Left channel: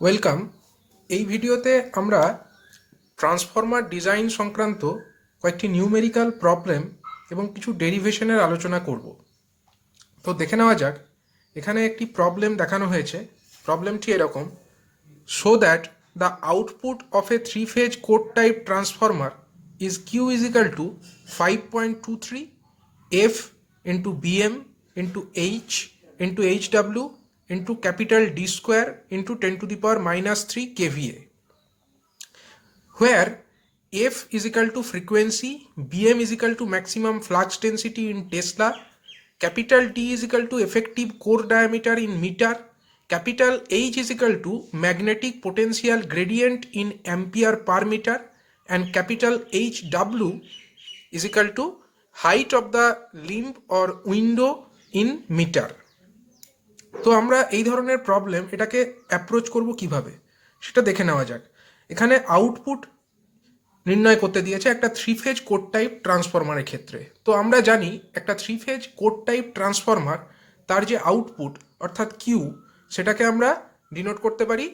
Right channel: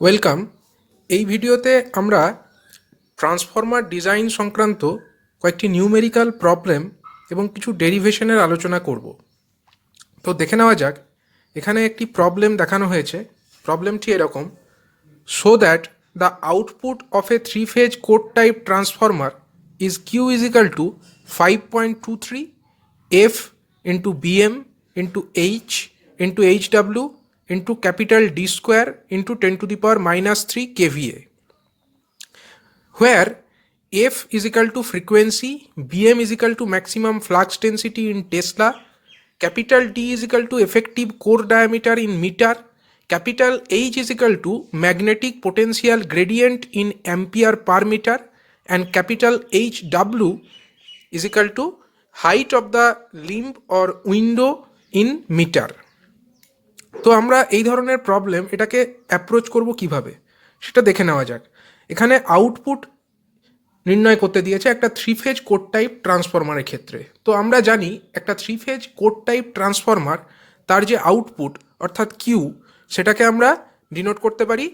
Welcome. এই ভিডিওতে আমরা ট্রান্সফর্মার ডিজাইন সংক্রান্ত কয়েকটি নিউমেরিক্যাল প্রবলেম এবং কিছু ডেরিভেশনের আলোচনা করব। তো দেখে নেওয়া যাক। এখানে একটি প্রবলেম দেখানো হয়েছে। প্রবলেমটি এরকম: show that the output of a three phase core type transformer is Q is equal to 5.23 F into BM into H into HW into capital D square into 10 to the power minus 3 kVA, where F is equal to frequency, Bm is equal to maximum flux density in Tesla, capital D is equal to effective core diameter in meter, capital H is equal to magnetic potential gradient in ampere per meter, and capital HW is equal to height of the limb or window in meter. তো আমরা এই ধরনের problem এটাকে approach করব কিভাবে সেটা দেখে নেওয়া যাক। এখানে আউটপুট নির্ণয় করতে দিয়েছে একটা থ্রি ফেজ কোড টাইপ ট্রান্সফরমারের ক্ষেত্রে। তো আমরা জানি একটা three phase core type transformer তার যে আউটপুট অর্থাৎ কিউ, সেটাকে আমরা ডিনোট করতে পারি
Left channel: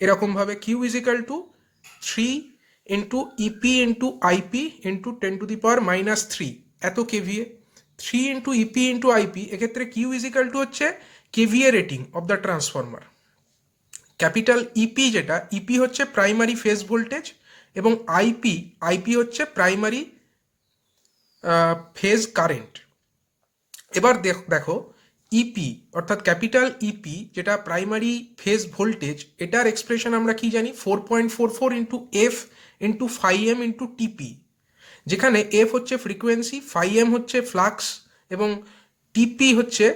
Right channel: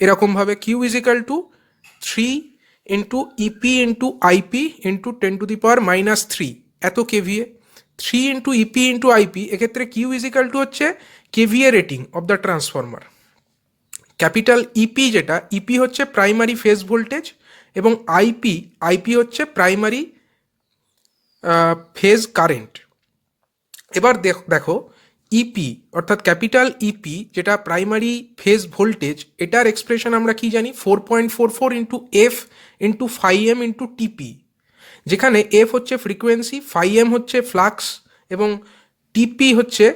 এরকমভাবে: Q is equal to 3 into EP into IP into 10 to the power minus 3 এত KVA. 3 into EP into IP, এক্ষেত্রে কিউ ইজ ইকাল টু হচ্ছে KVA rating of the transformer. Capital EP, যেটা EP হচ্ছে primary phase voltage, এবং IP হচ্ছে primary phase current. এবার দেখো EP অর্থাৎ ক্যাপিটাল ইপি যেটা প্রাইমারি ফেজ ভোল্টেজ, এটার এক্সপ্রেশন আমরা কি জানি? 4.44 into F into phi M into TP, যেখানে এফ হচ্ছে ফ্রিকোয়েন্সি, ফাই এম হচ্ছে ফ্লাক্স, এবং টিপি হচ্ছে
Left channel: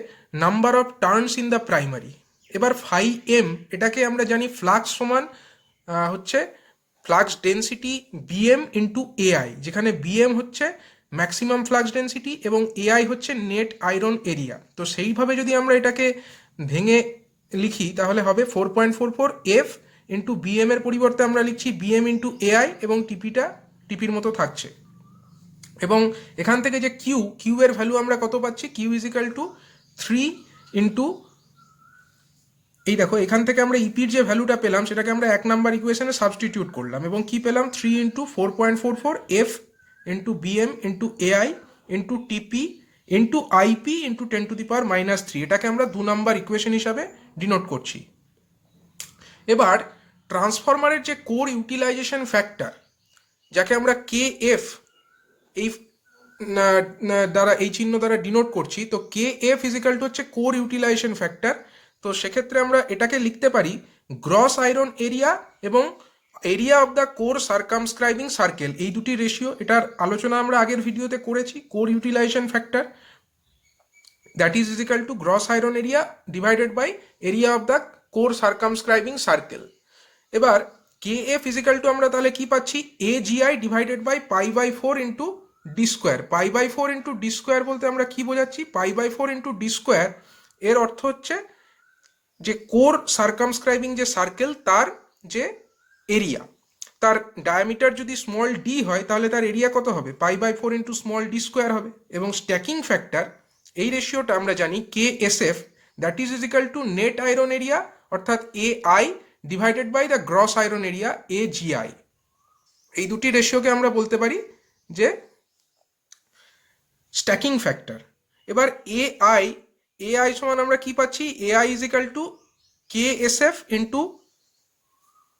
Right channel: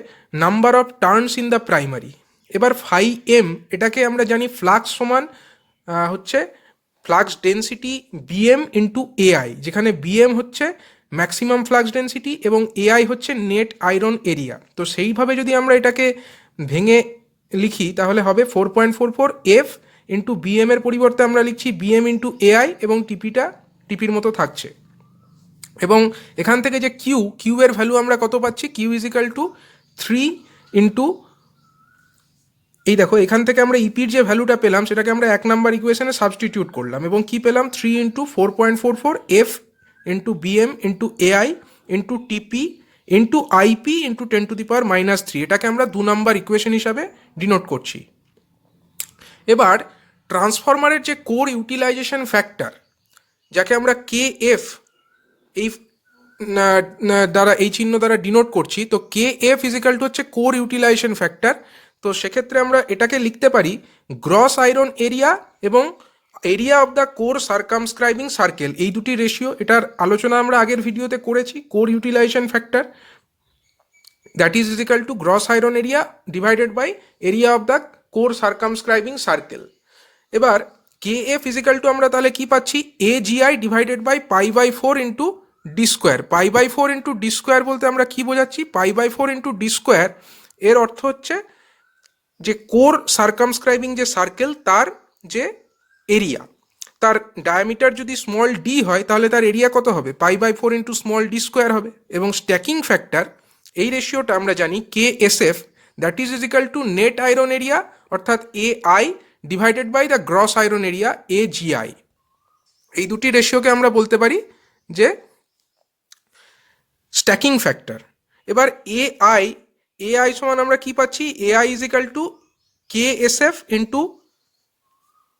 number of turns in the primary. এবার ফাই এম এটাকে আমরা জানি ফ্লাক্স সমান হচ্ছে flux density BM into AI, যেখানে বিএম হচ্ছে ম্যাক্সিমাম ফ্লাক্স ডেন্সিটি এবং এআই হচ্ছে নেট আয়রন এরিয়া। তো সেইভাবে যদি আমরা এটাকে ভেঙে লিখি তাহলে হবে 4.44 এফ ইন্টু বিএম এর পরিবর্তে আমরা লিখছি বিএম ইন্টু এআই, এবং টিপির মতো থাকছে। এবং এখান থেকে যে কিউ এর ভ্যালু আমরা কত পাচ্ছি? Q is equal to 3 into, এই দেখো এখান থেকে আমরা ইপির যে ভ্যালুটা পেলাম সেটাকে আমরা 1 নাম্বার ইকুয়েশনে সাবস্টিটিউট করলাম, এবং কি পেলাম? 3 into 4.44 F into BM into AI into TP into IP into 10 to the power minus 3। এটাকে আমরা 2 নাম্বার ইকুয়েশন হিসাবে ডিনোট করছি। এবার ট্রান্সফরমারের যে কোর ইউটিলাইজেশন ফ্যাক্টর, যাকে আমরা কে এফ এই দ্বারা, এই চিহ্ন দ্বারা ডিনোট করছি, তো কে এফ ইজিক্যাল টু হচ্ছে কোর ইউটিলাইজেশন ফ্যাক্টর। তো সেক্ষেত্রে আমরা এটাকে লিখতে পারি গ্রস আয়রন এরিয়া এবং area of the core circumscribing circle, এই দুটি রেশিও। এটার আলোচনা আমরা আগের ভিডিওতে করেছি। Core utilization factor that is is equal to gross iron area divided by area of the core circumscribing circle. এবার কে এফ ইজিক্যাল টু আমরা তাহলে কি পাচ্ছি? A GI divided by π/4 into D square. π/4 into D square বলতে আমরা কি বোঝাচ্ছি? π/4 into D square এর অর্থ হচ্ছে যে কোর সার্কামস্ক্রাইবিং যে সার্কেল তার যে এরিয়া, তার ডায়ামিটার যদি স্মল ডি হয় তাহলে তার এরিয়া কত হবে? π/4 ইন্টু স্মল ডি স্কোয়ার হবে। এবং স্ট্যাকিং ফ্যাক্টর, এই রেশিওটা আমরা জানি K S F, that is is equal to net iron area অর্থাৎ A I divided by the gross iron area A GI. এই দুটি রেশিওকে আমরা বলতে পারি যে স্ট্যাকিং ফ্যাক্টর। এবার এআই সমান আমরা কি পাচ্ছি? AI is equal to K S F into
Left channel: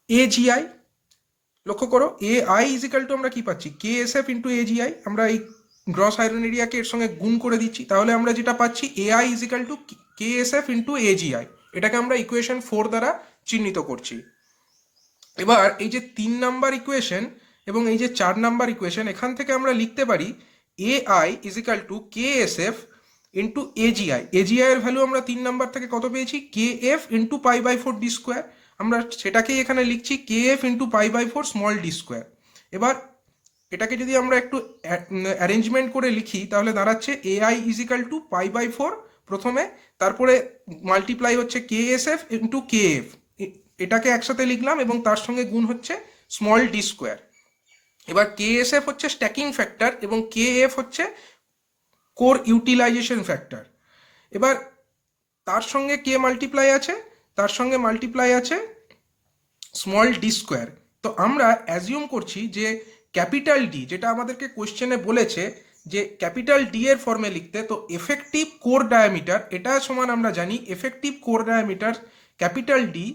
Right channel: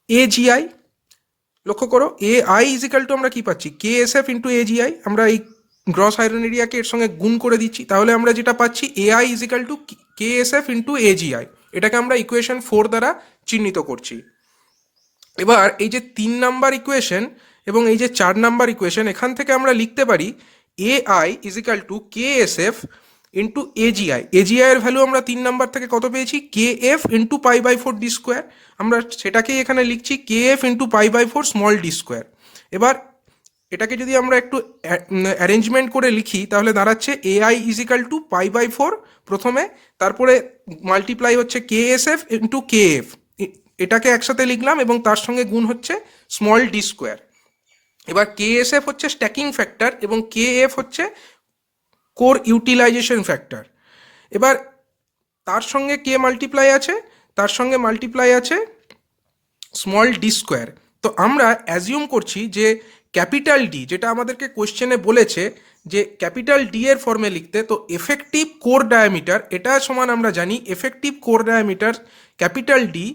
A GI. লক্ষ্য করো, এআই ইজ ইকাল টু আমরা কি পাচ্ছি? কে এস এফ ইন্টু এ জিআই। আমরা এই গ্রস আয়রন এরিয়াকে এর সঙ্গে গুণ করে দিচ্ছি, তাহলে আমরা যেটা পাচ্ছি AI is equal to K S F into A GI. এটাকে আমরা ইকুয়েশন 4 দ্বারা চিহ্নিত করছি। এবার এই যে 3 নাম্বার ইকুয়েশন এবং এই যে 4 নাম্বার ইকুয়েশন, এখান থেকে আমরা লিখতে পারি AI is equal to K S F into AGI. AGI এর ভ্যালু আমরা 3 নাম্বার থেকে কত পেয়েছি? K F into π/4 D square. আমরা সেটাকেই এখানে লিখছি K F into π/4 small D square. এবার এটাকে যদি আমরা একটু অ্যারেঞ্জমেন্ট করে লিখি তাহলে দাঁড়াচ্ছে এআই ইজ ইকাল টু π/4 প্রথমে, তারপরে মাল্টিপ্লাই হচ্ছে কে S F into K F, এটাকে একসাথে লিখলাম এবং তার সঙ্গে গুণ হচ্ছে স্মল ডি স্কোয়ার। এবার কে এস এফ হচ্ছে স্ট্যাকিং ফ্যাক্টর এবং কে এফ হচ্ছে কোর ইউটিলাইজেশন ফ্যাক্টর। এবার তার সঙ্গে কে মাল্টিপ্লাই আছে, তার সঙ্গে মাল্টিপ্লাই আছে স্মল ডি স্কোয়ার। তো আমরা অ্যাজিউম করছি যে ক্যাপিটাল ডি, যেটা আমাদেরকে কোশ্চেনে বলেছে যে ক্যাপিটাল ডি এর ফর্মে লিখতে, তো এফেক্টিভ কোর ডায়ামিটার এটা সমান আমরা জানি effective core diameter capital D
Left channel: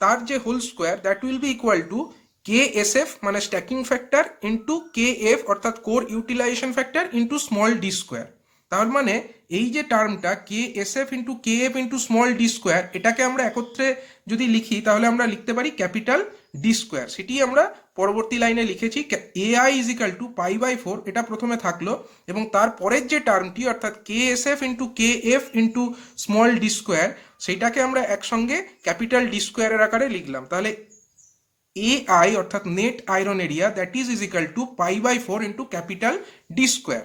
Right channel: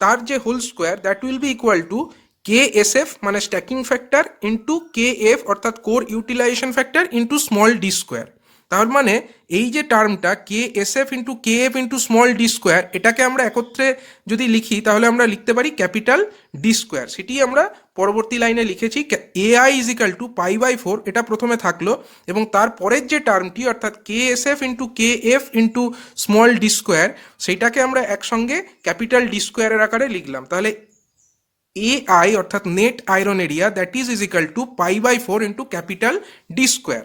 তার যে whole square that will be equal to K S F মানে stacking factor into K F অর্থাৎ core utilization factor into small D square. তার মানে এই যে টার্মটা K S F into K F into small D square, এটাকে আমরা একত্রে যদি লিখি তাহলে আমরা লিখতে পারি ক্যাপিটাল ডি স্কোয়ার। সেটি আমরা পরবর্তী লাইনে লিখেছি A I is equal to pi by 4, এটা প্রথমে থাকলো, এবং তারপরের যে টার্মটি অর্থাৎ K S F into K F into small D square, সেইটাকে আমরা একসঙ্গে ক্যাপিটাল ডি স্কোয়ারের আকারে লিখলাম। তাহলে এ আই অর্থাৎ net iron area that is equal to pi by 4 into capital D square.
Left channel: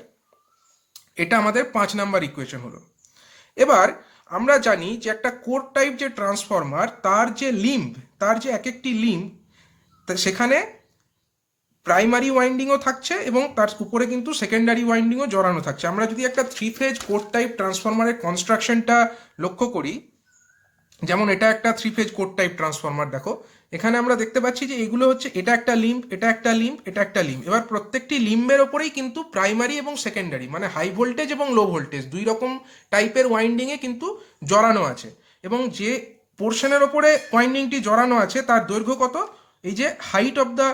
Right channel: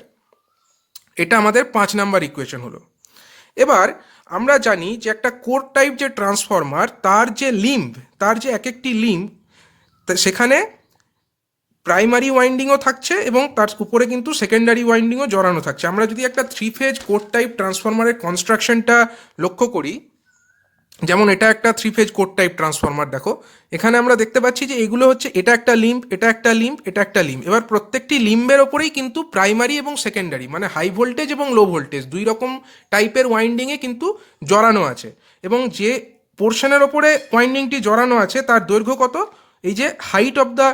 এটা আমাদের 5 নাম্বার ইকুয়েশন হলো। এবার আমরা জানি যে একটা কোর টাইপ যে ট্রান্সফরমার তার যে লিম্ব, তার যে এক একটি লিম্ব, সেখানে প্রাইমারি ওয়াইন্ডিংও থাকছে এবং তার উপরে কিন্তু সেকেন্ডারি ওয়াইন্ডিংও জড়ানো থাকছে। আমরা যদি একটা 3 ফেজ কোর টাইপ ট্রান্সফরমারের কনস্ট্রাকশনটা লক্ষ্য করি, যেমন এটা একটা 3 ফেজ কোর টাইপ ট্রান্সফরমার, দেখো এখানে আমরা দেখতে পাচ্ছি যে এগুলো হচ্ছে এটা একটা লিম্ব, এটা একটা লিম্ব, এটা একটা লিম্ব। এবার প্রত্যেকটি লিম্বের ওপরেই কিন্তু প্রাইমারি এবং সেকেন্ডারি মানে হাই ভোল্টেজ এবং লো ভোল্টেজ দুই রকম টাইপের ওয়াইন্ডিংয়ে কিন্তু জড়ানো আছে, এবং যে পোর্শনের ওপরে ওয়াইন্ডিংটি জড়ানো আছে তার দৈর্ঘ্য কত, এই যে height of the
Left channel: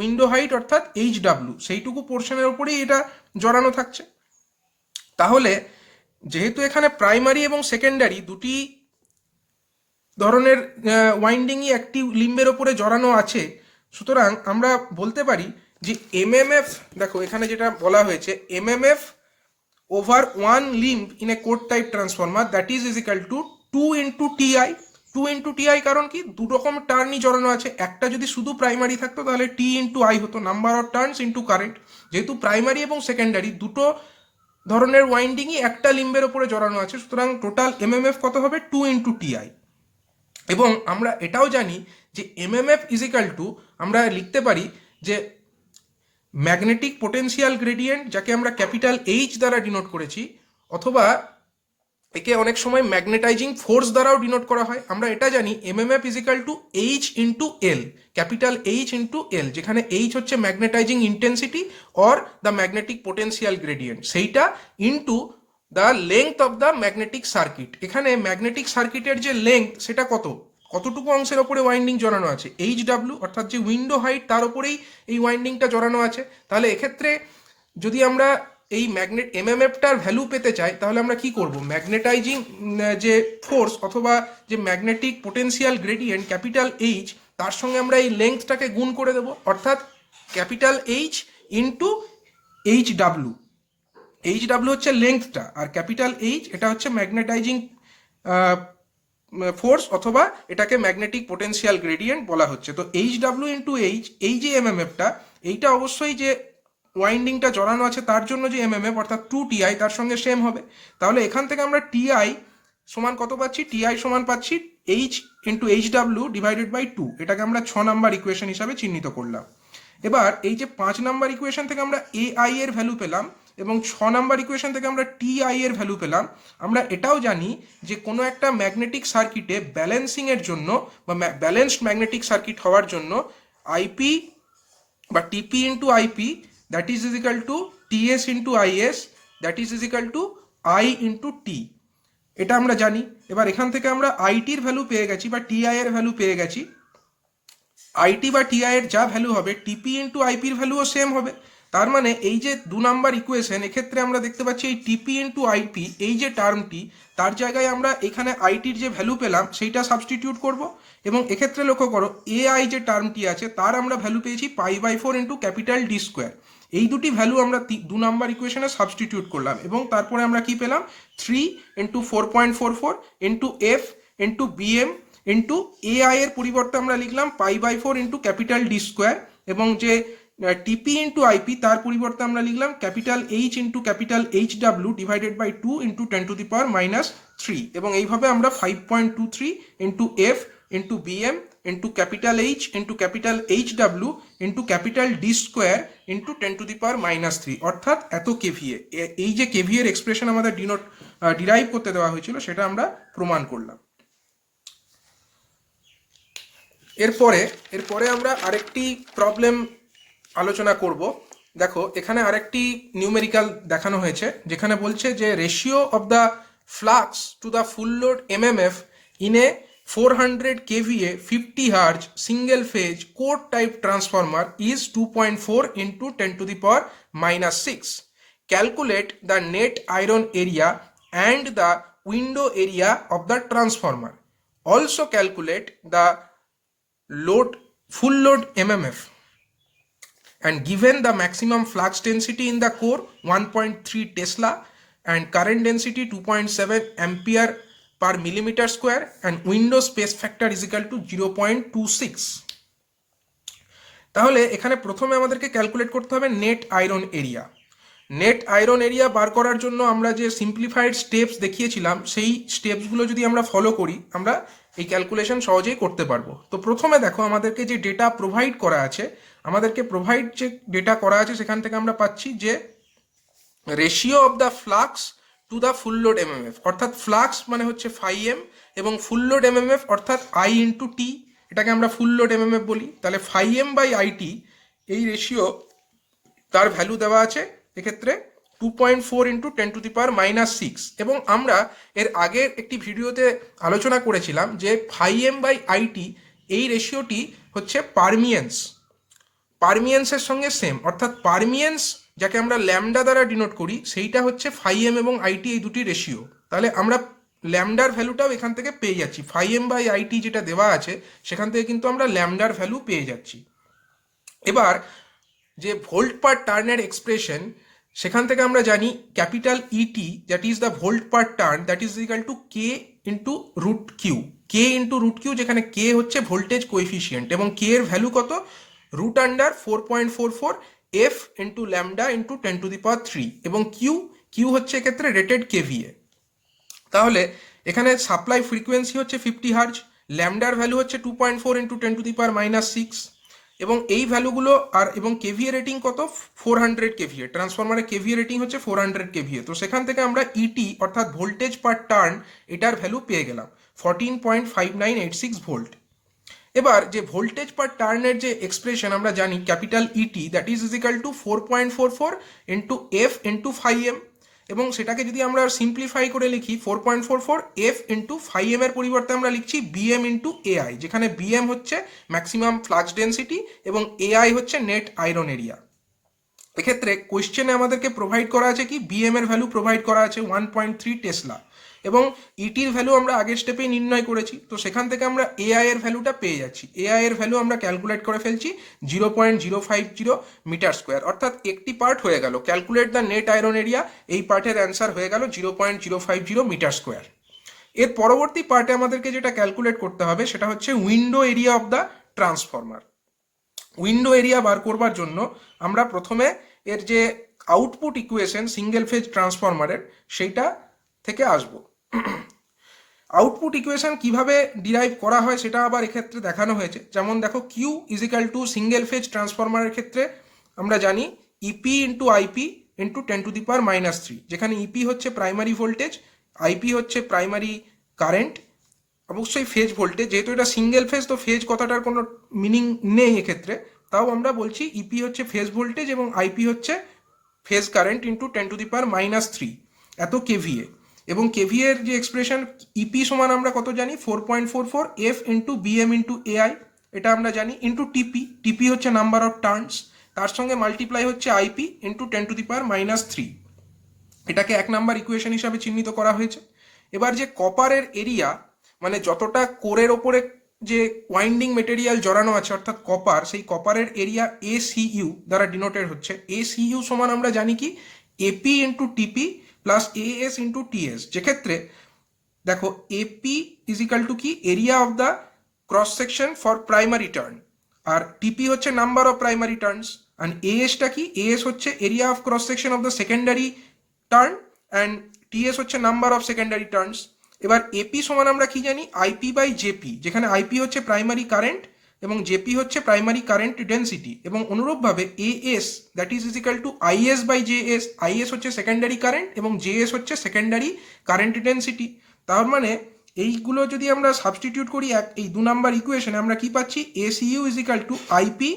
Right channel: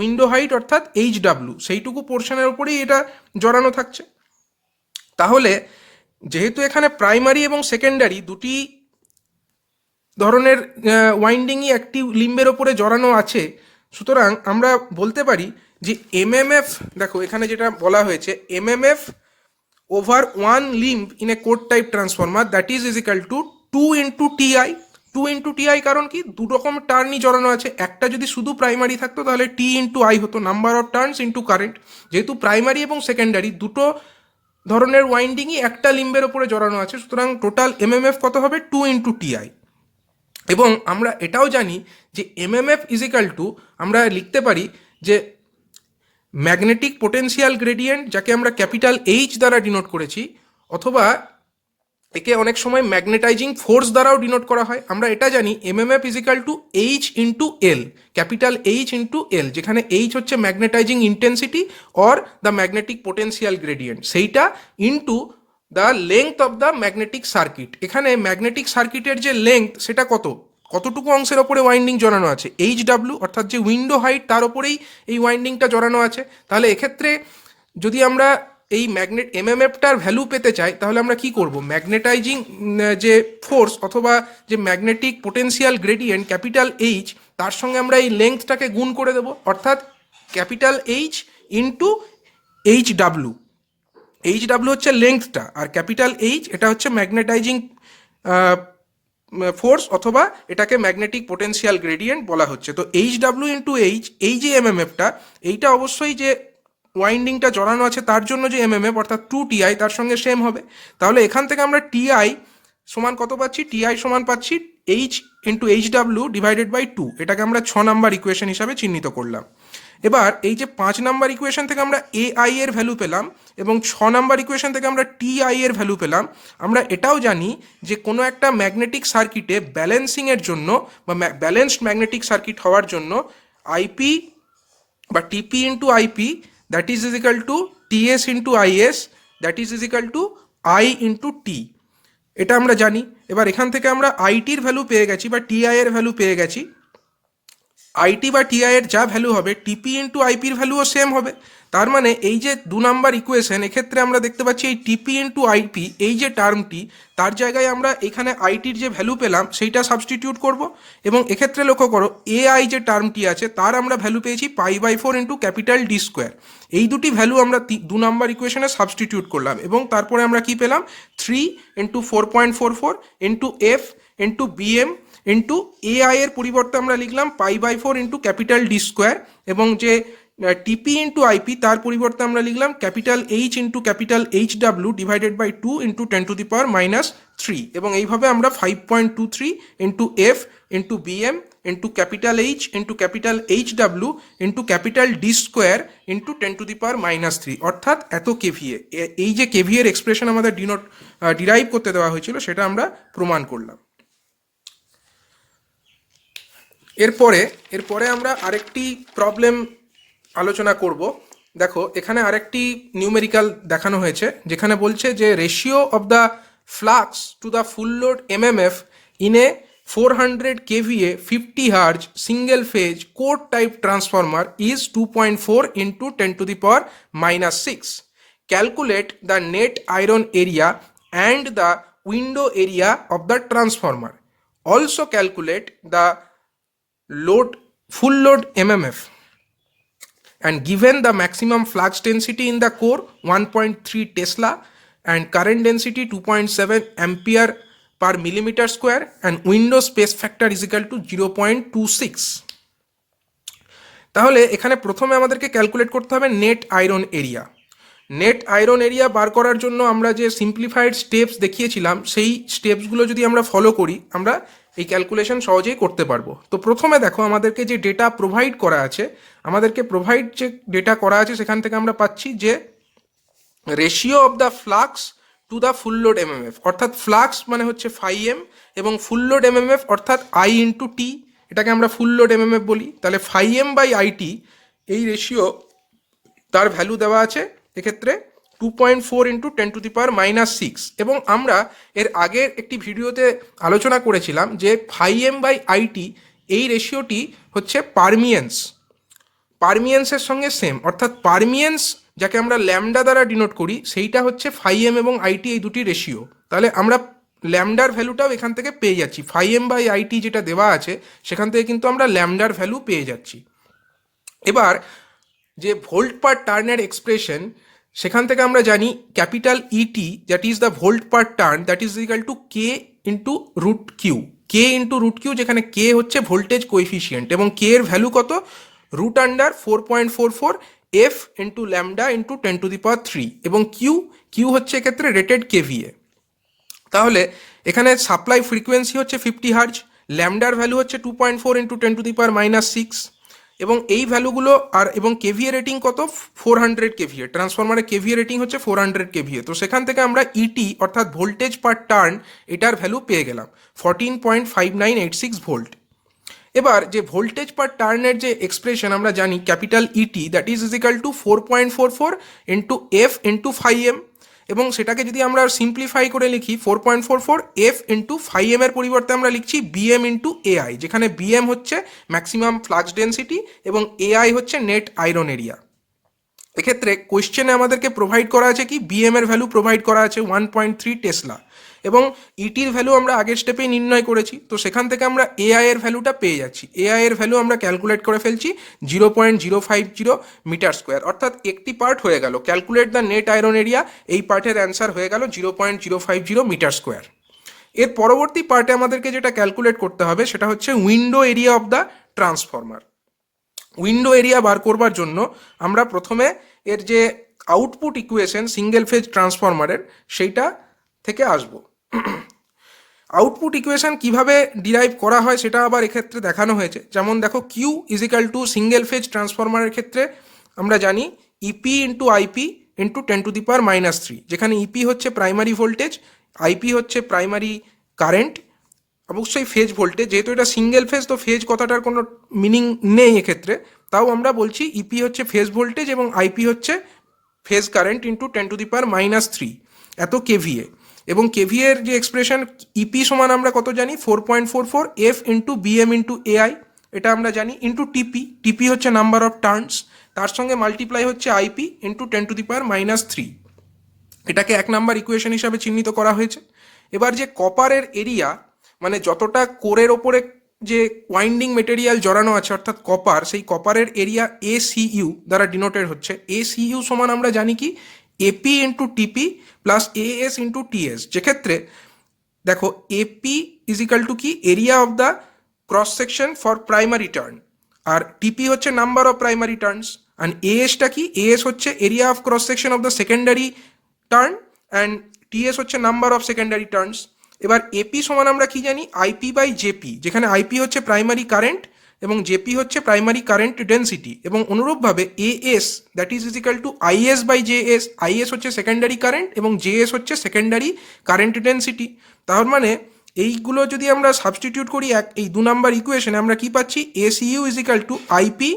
window height অর্থাৎ এইচ ডাব্লিউ, সেইটুকু পোর্শনের ওপরেই এটা জড়ানো থাকছে। তাহলে যেহেতু এখানে প্রাইমারি এবং সেকেন্ডারি দুটি ধরনের ওয়াইন্ডিংই একটি লিম্বের ওপরে জড়ানো আছে, সুতরাং আমরা বলতে পারি যে এমএমএফ, দেখো এখানে যেটা বলা হয়েছে MMF over one limb in a core type transformer that is equal to 2 into TI. 2 into TI কারণ কি, দু রকম টার্নই জড়ানো আছে, একটা যদি শুধু প্রাইমারি থাকতো তাহলে টি ইন্টু আই হতো, number of turns into current. যেহেতু প্রাইমারি এবং সেকেন্ডারি দুটো ধরনের ওয়াইন্ডিংই একটা লিম্বের ওপরে জড়ানো আছে, সুতরাং টোটাল এমএমএফ কত হবে, 2 ইন্টু টিআই। এবং আমরা এটাও জানি যে এমএমএফ ইজিক্যাল টু আমরা লিখতে পারি যে ম্যাগনেটিক পোটেনশিয়াল গ্রেডিয়েন্ট, যাকে আমরা ক্যাপিটাল এইচ দ্বারা ডিনোট করেছি, অথবা একে অনেক সময় ম্যাগনেটাইজিং ফোর্স দ্বারাও ডিনোট করা হয়। আমরা এটা জানি MMF equal to H into L, capital H into L, যেখানে এইচ হচ্ছে magnetizing intensity or the magnetic potential gradient, সেইটা into the length of the magnetic circuit. এখানে ম্যাগনেটিক সার্কিটের যে লেংথ সেটা কতটুকু অংশের ওপরে ওয়াইন্ডিং জড়ানো আছে, এইচ ডাব্লিউ অর্থাৎ যে উইন্ডো হাইট তার ওপরেই এই ওয়াইন্ডিংটা জড়ানো আছে। তাহলে এক্ষেত্রে যদি আমরা এই এমএমএফটার ভ্যালু পেতে চাই তাহলে আমরা কি করব, ম্যাগনেটাইজিং যে ফোর্স অথবা যে magnetic potential gradient capital H, তার সঙ্গে আমরা এই লেংথটাকে গুণ করে দেবো, অর্থাৎ capital H into H W. H W হচ্ছে লেংথটা, আর ক্যাপিটাল এইচ এটা হচ্ছে ম্যাগনেটাইজিং ফোর্স অথবা এটাকে ম্যাগনেটিক পোটেনশিয়াল গ্রেডিয়েন্ট বলা হচ্ছে। তো এইচ ডাব্লিউ ইন্টু এইচ, এই যে এমএমএফটা, এইটা অবশ্যই যে ওয়াইন্ডিংটা জড়ানো আছে তার জন্য যে এমএমএফ অর্থাৎ 2 টিআই তার সঙ্গে সেম হবে। তাহলে এখান থেকে আমরা টিআই সমান কত পাচ্ছি, টিআই সমান পাচ্ছি H into H W divided by 2। এটাকে আমরা 6 নাম্বার ইকুয়েশন হিসাবে চিহ্নিত করলাম। এবার এই যে 5 নাম্বার ইকুয়েশন থেকে আমরা এ আই এর ভ্যালু পেলাম এবং 6 নাম্বার ইকুয়েশন থেকে আমরা টি আই এর ভ্যালু পেলাম, আমরা এটাও জানি যে কোনো একটা ম্যাগনেটিক সার্কিটে ব্যালেন্সিংয়ের জন্য বা ব্যালেন্সড ম্যাগনেটিক সার্কিট হওয়ার জন্য আইপি বা TP into IP that is is equal to TS into IS that is is equal to I into T, এটা আমরা জানি। এবার এখান থেকে আমরা আইটির ভ্যালু পেয়ে গেছি বা টিআই এর ভ্যালু পেয়ে গেছি। আইটি বা টিআই এর যা ভ্যালু হবে টিপি ইন্টু আইপির ভ্যালুও সেম হবে। তার মানে এই যে 2 নাম্বার ইকুয়েশন, এক্ষেত্রে আমরা দেখতে পাচ্ছি এই টিপি ইন্টু আইপি এই যে টার্মটি, তার জায়গায় আমরা এখানে আইটির যে ভ্যালু পেলাম সেইটা সাবস্টিটিউট করব, এবং এক্ষেত্রে লক্ষ্য করো এ আই যে টার্মটি আছে তার আমরা ভ্যালু পেয়েছি pi by 4 into capital D square. এই দুটি ভ্যালু আমরা 2 নাম্বার ইকুয়েশনে সাবস্টিটিউট করলাম, এবং তারপরে আমরা কি পেলাম, 3 into 4.44 into F into BM into A I এর পরিবর্তে আমরা লিখলাম pi by 4 into capital D square, এবং যে টিপি ইন্টু আইপি তার পরিবর্তে আমরা লিখলাম capital H into capital H W divided by 2 into 10⁻³ এবং এইভাবে আমরা 5.23 into F into BM into capital H into capital H W into capital D square into 10⁻³ অর্থাৎ এত কেভিএ, এই যে কেভিএর এক্সপ্রেশন আমাদের ডিরাইভ করতে দেওয়া হয়েছিল সেটা আমরা প্রমাণ করলাম। এরপরে এরপরে আমরা আরেকটি প্রবলেম আলোচনা করব। দেখো এখানে আরেকটি নিউমেরিক্যাল দেখানো হয়েছে, যেখানে বলছে যে ratio of the flux to the full load MMF in a 400 kVA 50 Hz single phase core type transformer is 2.4 into 10 to the power minus 6. Calculate the net iron area and the window area of the transformer. Also calculate the load full load MMF, and given the maximum flux density in the core 1.3 Tesla and current density 2.7 ampere per millimeter square and window space factor is equal to 0.26. তাহলে এখানে প্রথমে আমাদেরকে calculate করতে হবে net iron area. Net iron area বার করার জন্য আমরা যে সিম্পলিফাইড স্টেপস দেখিয়েছিলাম, সেই স্টেপসগুলো যদি আমরা ফলো করি আমরা এই ক্যালকুলেশন সহজেই করতে পারবো। তো প্রথমে দেখো আমাদেরকে যে ডেটা প্রোভাইড করা আছে, যে ডেটা করা আছে সেখান থেকে আমরা পাচ্ছি যে ratio of the flux to the full load MMF, অর্থাৎ ফ্লাক্স মানে হচ্ছে φm এবং ফুল লোড এমএমএফ অর্থাৎ I ইন্টু টি, এটাকে আমরা ফুল লোড এমএমএফ বলি। তাহলে φm বাই আইটি এই রেশিও তার ভ্যালু দেওয়া আছে এক্ষেত্রে 2.4 into 10 to the power minus 6। এবং আমরা এর আগের একটি ভিডিওতে আলোচনা করেছিলাম যে φm বাই আইটি এই রেশিওটি হচ্ছে পারমিয়েন্সের সঙ্গে সেম, অর্থাৎ পারমিয়েন্স যাকে আমরা ল্যামডা দ্বারা ডিনোট করি সেইটা হচ্ছে φm এবং আইটি এই দুটি রেশিও। তাহলে আমরা ল্যামডার ভ্যালুটাও এখান থেকে পেয়ে যাচ্ছি, φm বাই আইটি যেটা দেওয়া আছে সেখান থেকে কিন্তু আমরা ল্যামডার ভ্যালু পেয়ে যাচ্ছি। এবার যে ভোল্ট পার টার্নের এক্সপ্রেশন, সেখান থেকে আমরা জানি capital ET that is the volt per turn that is equal to K into root Q, যেখানে কে হচ্ছে ভোল্টেজ কোএফিসিয়েন্ট এবং কে এর ভ্যালু কত, root under 4.44 F into lambda into 10 to the power 3 এবং কিউ হচ্ছে এক্ষেত্রে রেটেড কেভিএ। তাহলে এখানে সাপ্লাই ফ্রিকোয়েন্সি হচ্ছে 50 হার্জ, ল্যামডার ভ্যালু হচ্ছে 2.4 into 10 to the power minus 6 এবং এই ভ্যালুগুলো এবং কেভিএ রেটিং কত 400 কেভিএ, ট্রান্সফরমারের কেভিএ রেটিং হচ্ছে 400 কেভিএ। তো সেখান থেকে আমরা ইটি অর্থাৎ ভোল্টেজ পার টার্ন এটার ভ্যালু পেয়ে গেলাম 14.5986 ভোল্ট। এবার যে ভোল্টেজ পার টার্নের যে এক্সপ্রেশন আমরা জানি capital ET that is equal to 4.44 into F into φm, এবং সেটাকে যদি আমরা সিম্পলিফাই করে লিখি 4.44 এফ ইন্টু φm এর পরিবর্তে আমরা লিখছি বিএম ইন্টু এআই, যেখানে বিএম হচ্ছে ম্যাক্সিমাম ফ্লাক্স ডেন্সিটি এবং এআই হচ্ছে নেট আয়রন এরিয়া। এক্ষেত্রে কোয়েশ্চেনে আমাদেরকে প্রোভাইড করা আছে কি, বিএম এর ভ্যালু প্রোভাইড করা আছে 1.3 টেসলা এবং ইটির ভ্যালু আমরা আগের স্টেপেই নির্ণয় করেছি। তো সেখান থেকে আমরা এআই এর ভ্যালুটা পেয়ে যাচ্ছি, এআই এর ভ্যালু আমরা ক্যালকুলেট করে ফেলছি 0.050 মিটার স্কোয়ার, অর্থাৎ একটি পার্ট হয়ে গেল calculate the net iron area, এই পার্টের অ্যান্সার হয়ে গেল 0.050 মিটার স্কোয়ার। এর পরবর্তী পার্টে আমাদেরকে যেটা ক্যালকুলেট করতে হবে সেটা হচ্ছে window area of the transformer. Window area বার করবার জন্য আমরা প্রথমে এর যে আউটপুট ইকুয়েশন সিঙ্গেল ফেজ ট্রান্সফরমারের সেইটা থেকে আসবো। আউটপুট ইকুয়েশন কিভাবে ডিরাইভ করা হয় সেটা আবার এক্ষেত্রে দেখানো হয়েছে। যেমন দেখো Q is equal to single phase ট্রান্সফরমারের ক্ষেত্রে আমরা জানি EP into IP into 10 to the power minus 3, যেখানে ইপি হচ্ছে প্রাইমারি ভোল্টেজ, আইপি হচ্ছে প্রাইমারি কারেন্ট, অবশ্যই ফেজ ভোল্টেজ, যেহেতু এটা সিঙ্গেল ফেজ তো ফেজ কথাটার কোনো মিনিং নেই এক্ষেত্রে, তাও আমরা বলছি ইপি হচ্ছে ফেজ ভোল্টেজ এবং আইপি হচ্ছে phase current into 10 to the power minus 3 এত কেভিএ। এবং কেভিএ এর যে এক্সপ্রেশন ইপি সমান আমরা কত জানি 4.44 F into BM into AI, এটা আমরা জানি, ইন্টু টিপি হচ্ছে নাম্বার অফ টার্নস, তার সঙ্গে মাল্টিপ্লাই হচ্ছে IP into 10 to the power minus 3, এটাকে 1 নাম্বার ইকুয়েশন হিসাবে চিহ্নিত করা হয়েছে। এবার যে কপারের এরিয়া মানে যতটা কোরের ওপরে যে ওয়াইন্ডিং মেটেরিয়াল জড়ানো আছে অর্থাৎ কপার, সেই কপারের এরিয়া এসিইউ দ্বারা ডিনোটেড হচ্ছে, এসিইউ সমান আমরা জানি কি AP into TP plus AS into TS, যেক্ষেত্রে দেখো এপি ইজ ইকাল টু কি area of the cross section for primary turn, আর টিপি হচ্ছে number of primary turns, and এএসটা কি, এএস হচ্ছে area of cross section of the secondary turn and TS হচ্ছে number of secondary turns. এবার AP সমান আমরা কি জানি আইপি বাই জেপি, যেখানে আইপি হচ্ছে প্রাইমারি কারেন্ট এবং জেপি হচ্ছে প্রাইমারি কারেন্ট ডেন্সিটি, এবং অনুরূপভাবে AS that is is equal to IS by JS, IS হচ্ছে সেকেন্ডারি কারেন্ট এবং জেএস হচ্ছে সেকেন্ডারি কারেন্ট ডেন্সিটি। তার মানে এইগুলো যদি আমরা সাবস্টিটিউট করি এই 2 নাম্বার ইকুয়েশনে আমরা কি পাচ্ছি, SU is equal to IP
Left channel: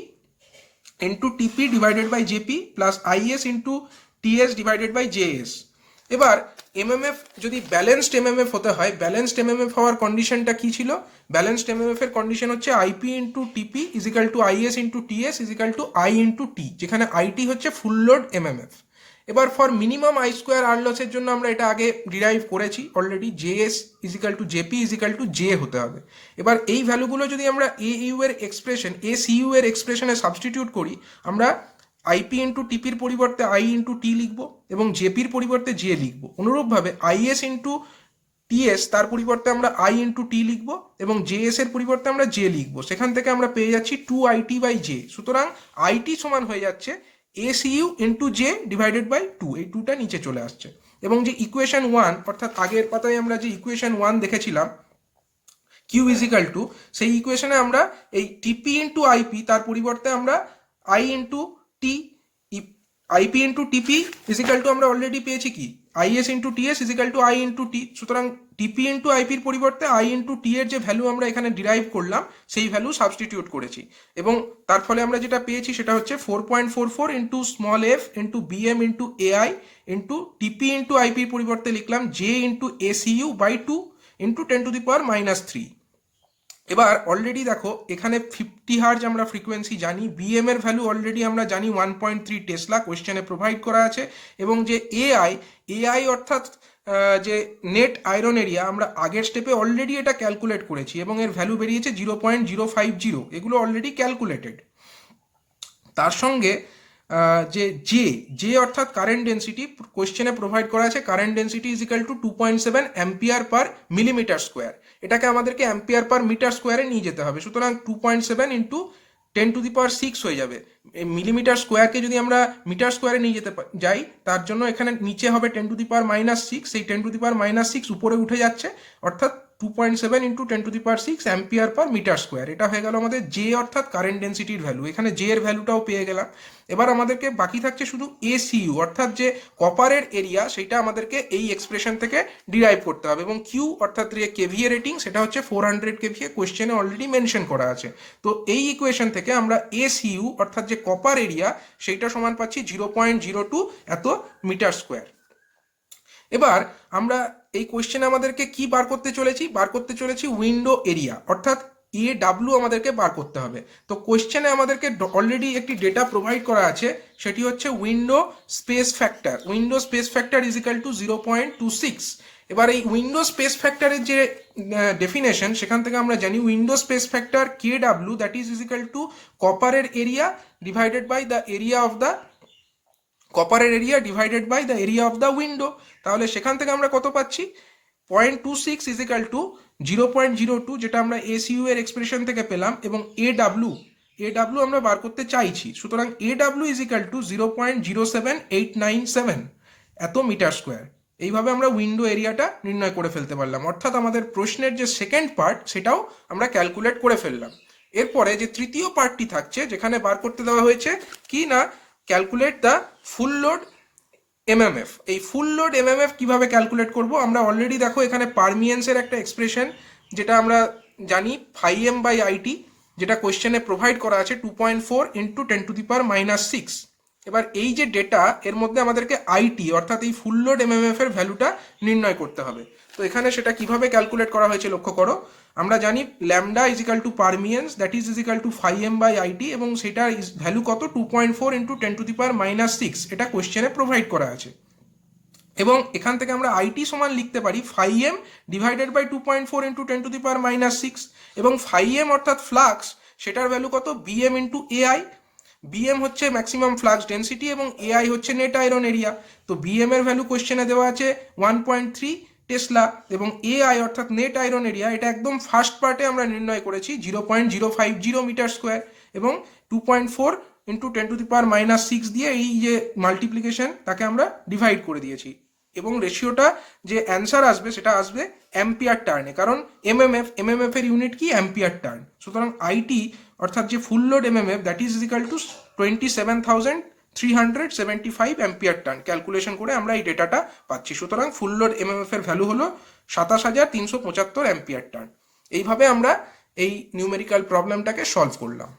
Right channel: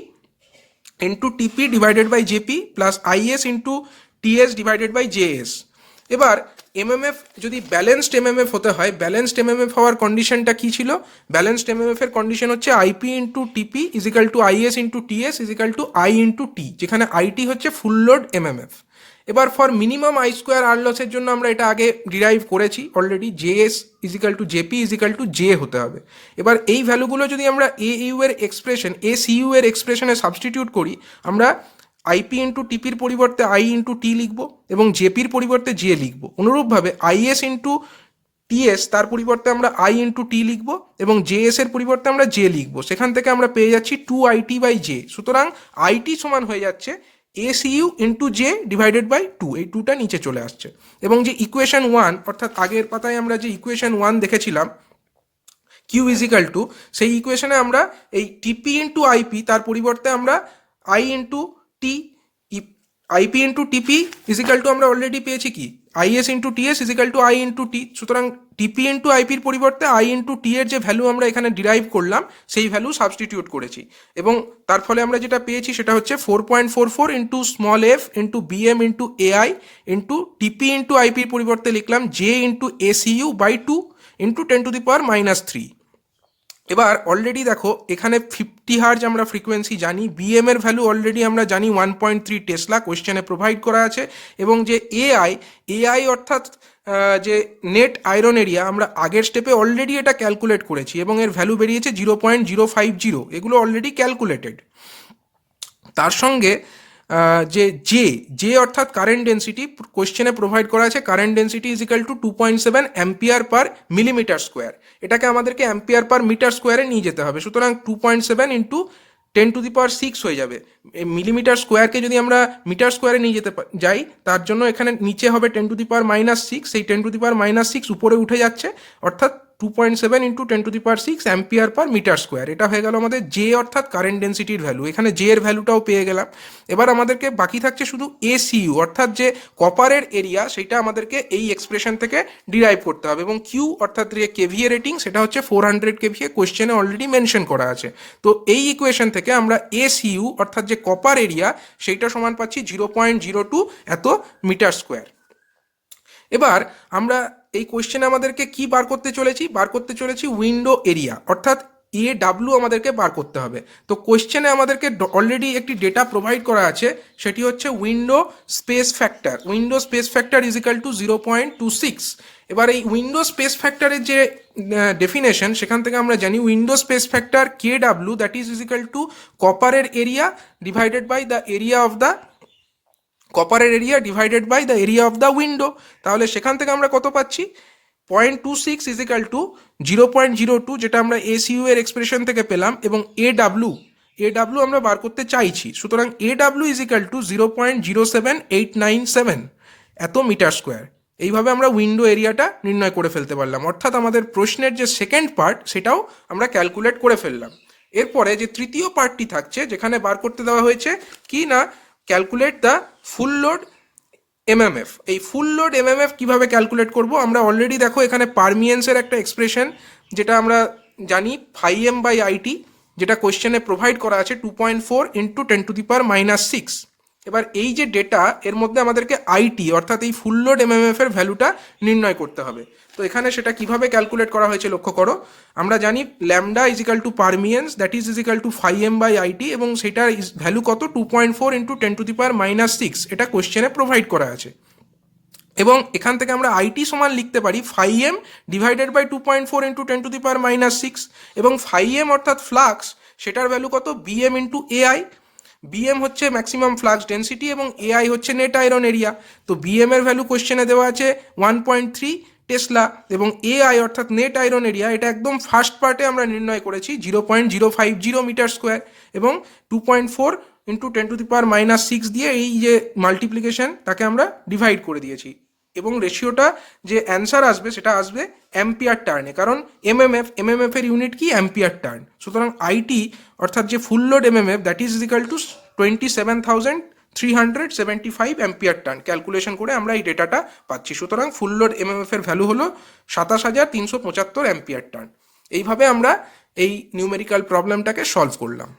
into TP divided by JP plus IS into TS divided by JS. এবার এমএমএফ যদি ব্যালেন্সড এমএমএফ হতে হয়, ব্যালেন্সড এমএমএফ হওয়ার কন্ডিশনটা কি ছিল, ব্যালেন্সড এমএমএফ এর কন্ডিশন হচ্ছে IP into TP is equal to IS into TS is equal to I into T, যেখানে আইটি হচ্ছে ফুল লোড এমএমএফ। এবার for minimum I square R লসের জন্য আমরা এটা আগে ডিরাইভ করেছি already, JS is equal two JP is equal two J হতে হবে। এবার এই ভ্যালুগুলো যদি আমরা এইউ এর এক্সপ্রেশন, এসইউ এর এক্সপ্রেশনে সাবস্টিটিউট করি, আমরা আইপি ইন্টু টিপির পরিবর্তে আই ইন্টু টি লিখবো এবং জেপির পরিবর্তে জে লিখবো। অনুরূপভাবে আইএস ইন্টু টিএস তার পরিবর্তে আমরা আই ইন্টু টি লিখবো এবং জেএস এর পরিবর্তে আমরা জে লিখবো। সেখান থেকে আমরা পেয়ে যাচ্ছি 2IT বাই জে। সুতরাং আইটি সমান হয়ে যাচ্ছে SU into J divided by 2, এই 2টা নিচে চলে আসছে। এবং যে ইকুয়েশন 1 অর্থাৎ আগের পাতায় আমরা যে ইকুয়েশন 1 দেখেছিলাম কিউ ইজ ইকাল টু, সেই ইকুয়েশনে আমরা এই টিপি ইন্টু আইপি তার পরিবর্তে আমরা I into T, IP into TP is equal to আমরা অলরেডি পেয়েছি কি IS into TS is equal to I into T. সুতরাং টিপি ইন্টু আইপির পরিবর্তে আই ইন্টু টি এর যে ভ্যালু আমরা এখানে ডিরাইভ করলাম সেই ভ্যালু সাবস্টিটিউট করেছি এবং তার ফলে আমরা যেটা পেয়েছি সেটা হচ্ছে 4.44 into small F into BM into AI into TP into আইপির পরিবর্তে লিখলাম J into SU by 2 into 10⁻³ এবার অলরেডি দেখো এখানে 50 হার্জ আমরা ফ্রিকোয়েন্সি জানি, বিএম এর ভ্যালু অলরেডি আমরা জানি 1.3 টেসলা, কোয়েশ্চেনে প্রোভাইড করা আছে। এবং যে এআই অর্থাৎ যে নেট আয়রন এরিয়া আমরা আগের স্টেপে অলরেডি এটা ক্যালকুলেট করেছি এবং এর ভ্যালু বেরিয়েছে 0.050, এগুলো অলরেডি ক্যালকুলেটেড। তার সঙ্গে যে জে অর্থাৎ কারেন্ট ডেন্সিটি কোয়েশ্চেনে প্রোভাইড করা আছে, current density is equal two 2.7 ampere per millimetre square, এটাকে আমাদেরকে অ্যাম্পিয়ার পার মিটার স্কোয়ারে নিয়ে যেতে হবে। সুতরাং 2.7 ইন্টু 10⁶ হয়ে যাবে। মিলিমিটার স্কোয়ারকে যদি আমরা মিটার স্কোয়ারে নিয়ে যেতে যাই তার জন্য এখানে নিচে হবে 10⁻⁶, সেই 10⁻⁶ উপরে উঠে যাচ্ছে, অর্থাৎ 2.7 into 10⁶ ampere per metre square. এটা হয়ে গেল আমাদের জে অর্থাৎ কারেন্ট ডেন্সিটির ভ্যালু। এখানে জে এর ভ্যালুটাও পেয়ে গেলাম। এবার আমাদেরকে বাকি থাকছে শুধু এসইউ অর্থাৎ যে কপারের এরিয়া, সেটা আমাদেরকে এই এক্সপ্রেশন থেকে ডিরাইভ করতে হবে। এবং কিউ অর্থাৎ যে কেভিএ রেটিং সেটা হচ্ছে 400 কেভিএ, কোয়েশ্চেনে অলরেডি মেনশন করা আছে। তো এই ইকুয়েশন থেকে আমরা এসইউ অর্থাৎ যে কপার এরিয়া সেইটা সমান পাচ্ছি 0.02 এত মিটার স্কোয়ার। এবার আমরা এই কোয়েশ্চেনে আমাদেরকে কি বার করতে চলেছি উইন্ডো এরিয়া অর্থাৎ AW আমাদেরকে বার করতে হবে। তো কোয়েশ্চেনে আমাদেরকে অলরেডি একটি ডেটা প্রোভাইড করা আছে, সেটি হচ্ছে window space factor is equal two 0.26। এবার এই উইন্ডো স্পেস ফ্যাক্টরের যে ডেফিনেশন সেখান থেকে আমরা জানি window space factor KW that is equal to কপারের area divided by the area of the কপারের area divided by the area of the window. তাহলে সেখান থেকে আমরা কত পাচ্ছি 0.26 ইজ ইকাল টু 0.02, যেটা আমরা এসইউ এর এক্সপ্রেশন থেকে পেলাম, এবং এডাব্লিউ আমরা বার করতে চাইছি। সুতরাং এডাব্লিউ ইজ ইকাল টু 0.07897 এত মিটার স্কোয়ার। এইভাবে আমরা উইন্ডো এরিয়াটা নির্ণয় করে ফেলতে পারলাম, অর্থাৎ আমাদের প্রশ্নের যে সেকেন্ড পার্ট সেটাও আমরা ক্যালকুলেট করে ফেললাম। এরপরে যে তৃতীয় পার্টটি থাকছে যেখানে বার করতে দেওয়া হয়েছে কি না calculate the full load MMF. এই ফুল লোড এমএমএফ কিভাবে ক্যালকুলেট করব, আমরা অলরেডি দেখো এখানে পারমিয়েন্সের একটা এক্সপ্রেশন যেটা আমরা জানি φm/it, যেটা কোয়েশ্চেনে প্রোভাইড করা আছে 2.4 ইন্টু 10⁻⁶। এবার এই যে ডেটা এর মধ্যে আমাদেরকে আইটি অর্থাৎ এই ফুল লোড এমএমএফ এর ভ্যালুটা নির্ণয় করতে হবে। তো এখানে সেটা কিভাবে ক্যালকুলেট করা হয়েছে লক্ষ্য করো। আমরা জানি lambda is equal two permeance that is equal two φm/it এবং সেটার ভ্যালু কত 2.4 ইন্টু 10⁻⁶, এটা কোয়েশ্চেনে প্রোভাইড করা আছে। এবং এখান থেকে আমরা আইটি সমান লিখতে পারি φm ডিভাইডেড বাই 2.4 ইন্টু 10⁻⁶, এবং φm অর্থাৎ ফ্লাক্স সেটার ভ্যালু কত বিএম ইন্টু এআই। বিএম হচ্ছে ম্যাক্সিমাম ফ্লাক্স ডেন্সিটি এবং এআই হচ্ছে নেট আয়রন এরিয়া। তো বিএম এর ভ্যালু কোয়েশ্চেনে দেওয়া আছে 1.3 টেসলা এবং এআই অর্থাৎ নেট আয়রন এরিয়া এটা একদম ফার্স্ট পার্টে আমরা নির্ণয় করেছি 0.050 মিটার স্কোয়ার, এবং 2.4 ইন্টু 10⁻⁶ দিয়ে এই যে মাল্টিপ্লিকেশন তাকে আমরা ডিভাইড করে দিয়েছি, এবং রেশিওটা যে অ্যান্সার আসবে সেটা আসবে অ্যাম্পিয়ার টার্নে, কারণ এমএমএফ এর ইউনিট কি অ্যাম্পিয়ার টার্ন। সুতরাং আইটি অর্থাৎ যে ফুল load MMF that is equal two 375 ampere turn calculation করে আমরা এই ডেটাটা পাচ্ছি। সুতরাং ফুল লোড এমএমএফ এর ভ্যালু হলো 27,375 অ্যাম্পিয়ার টার্ন। এইভাবে আমরা এই নিউমেরিক্যাল প্রবলেমটাকে সলভ করলাম।